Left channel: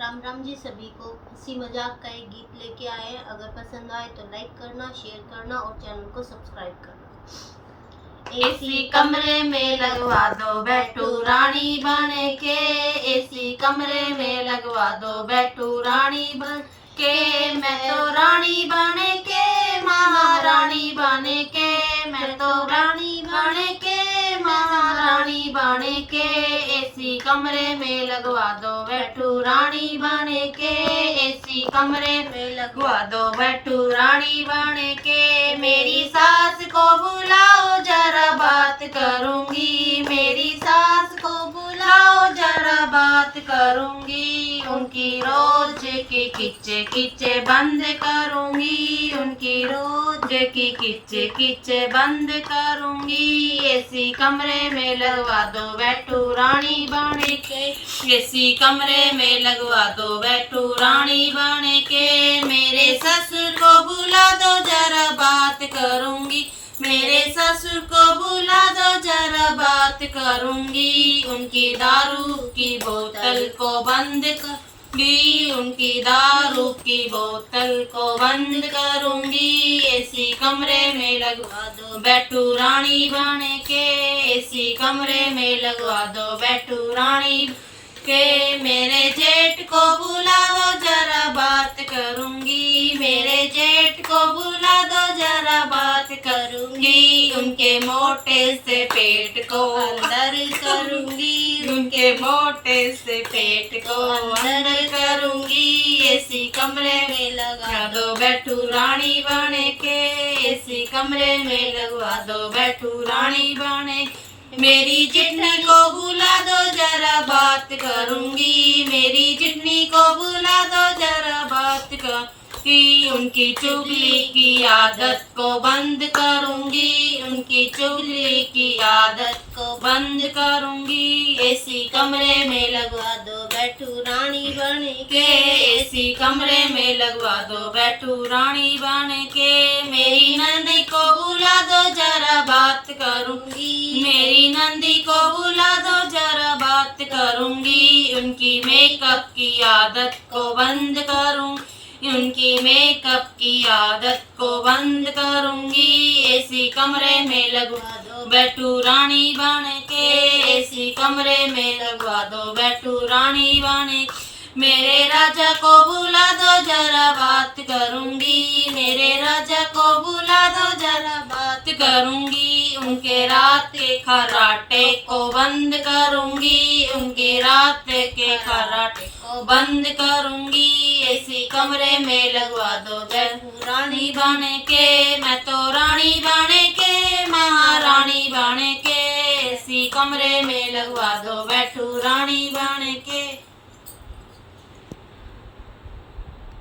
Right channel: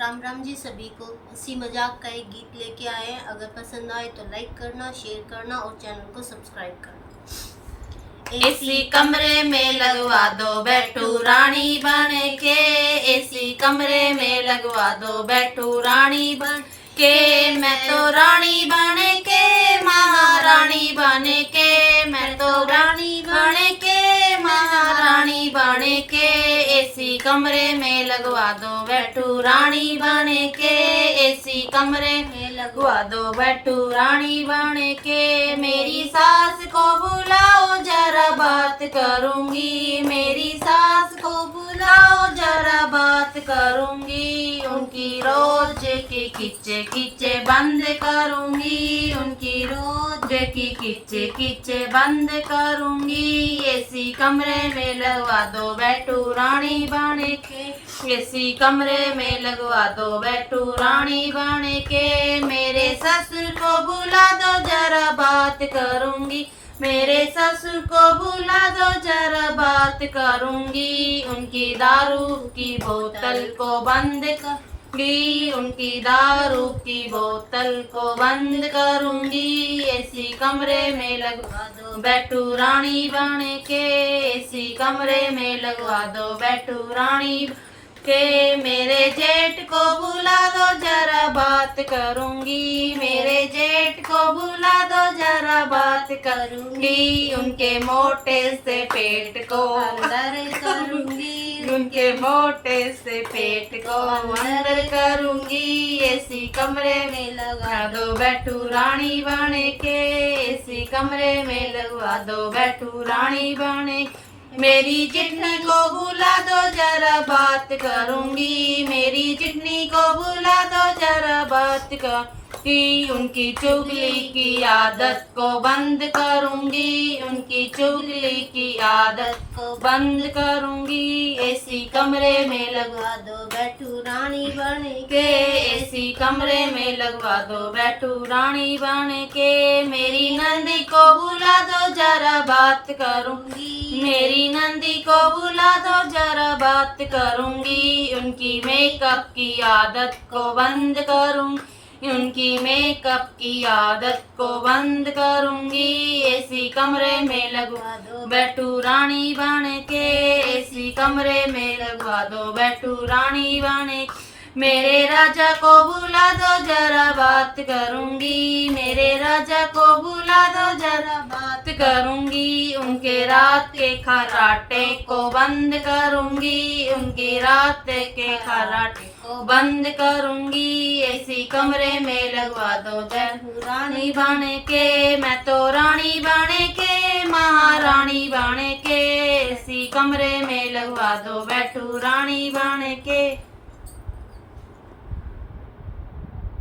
राम राम जी सभी को। हंसी मजाक का एक गीत लेके आए हैं। अगर पसंद आए तो लाइक करना, शेयर करना और चैनल को सब्सक्राइब करना। एसी कमरे में लगवा दो बैठू रानी बन के, एसी कमरे में लगवा दो बैठू रानी बन के। मैं तो रानी बन के, महारानी बन के, मैं तो रानी बन के, महारानी बन के। एसी कमरे में लगवा दो बैठू रानी बन के, एसी कमरे में लगवा दो बैठू रानी बन के। मेरी सास को बुलाओ जरा बात करूंगी, मेरी सास को बुलाओ जरा बात करूंगी। उनकी रोज की किच्चे किच्चे बंद करूंगी, उनकी रोज की किच्चे किच्चे बंद करूंगी। एसी कमरे में लगवा दो बैठू रानी बन के, एसी कमरे में लगवा दो बैठू रानी बन के। मेरे ससुर को बुला दो जरा बात करूंगी, मेरे ससुर को बुला दो जरा बात करूंगी। उनकी दारू की बोतल को बंद करूंगी, उनकी दारू की बोतल को बंद करूंगी। एसी कमरे में लगवा दो बैठू रानी बन के, एसी कमरे में लगवा दो बैठू रानी के। मेरे जेठ को बुला दो जरा बात करूंगी, मेरे जेठ को बुला दो जरा बात करूंगी। उनके मोटे से पेट को अंदर करूंगी, उनके मोटे से पेट को अंदर करूंगी। एसी कमरे में लगा दो बैठू रानी बन के, एसी कमरे में लगवा दो बैठू रानी बन के। मेरी चिटनी को बुला दो जरा बात करूंगी, मेरी चिटनी को बुला दो जरा बात करूंगी। उनकी चुगली की आदत को बंद करूंगी, उनकी चुगली की आदत को बंद करूंगी। एसी कमरे में लगवा दो बैठू रानी बन के, एसी कमरे में लगवा दो बैठू रानी बन के। मेरी नंदी को बुला दो जरा बात करूंगी, मेरी नंदी को बुला दो जरा बात करूंगी। उनकी मेकअप की आदत को बंद करूंगी, उनकी मेकअप की आदत को बंद करूंगी। एसी कमरे में लगवा दो बैठू रानी बन के, एसी कमरे में लगवा दो बैठू रानी बन के। मेरे राजा को बुला दो जरा बात करूंगी, मेरे राजा को बुला दो जरा बात करूंगी। उनके रात के खर्राटे को बंद करूंगी, उनके रात के खर्राटे को बंद करूंगी। एसी कमरे में लगवा दो बैठू रानी बन के, मैं तो रानी बन के, महारानी बन के। एसी कमरे में लगवा दो बैठू रानी बन के।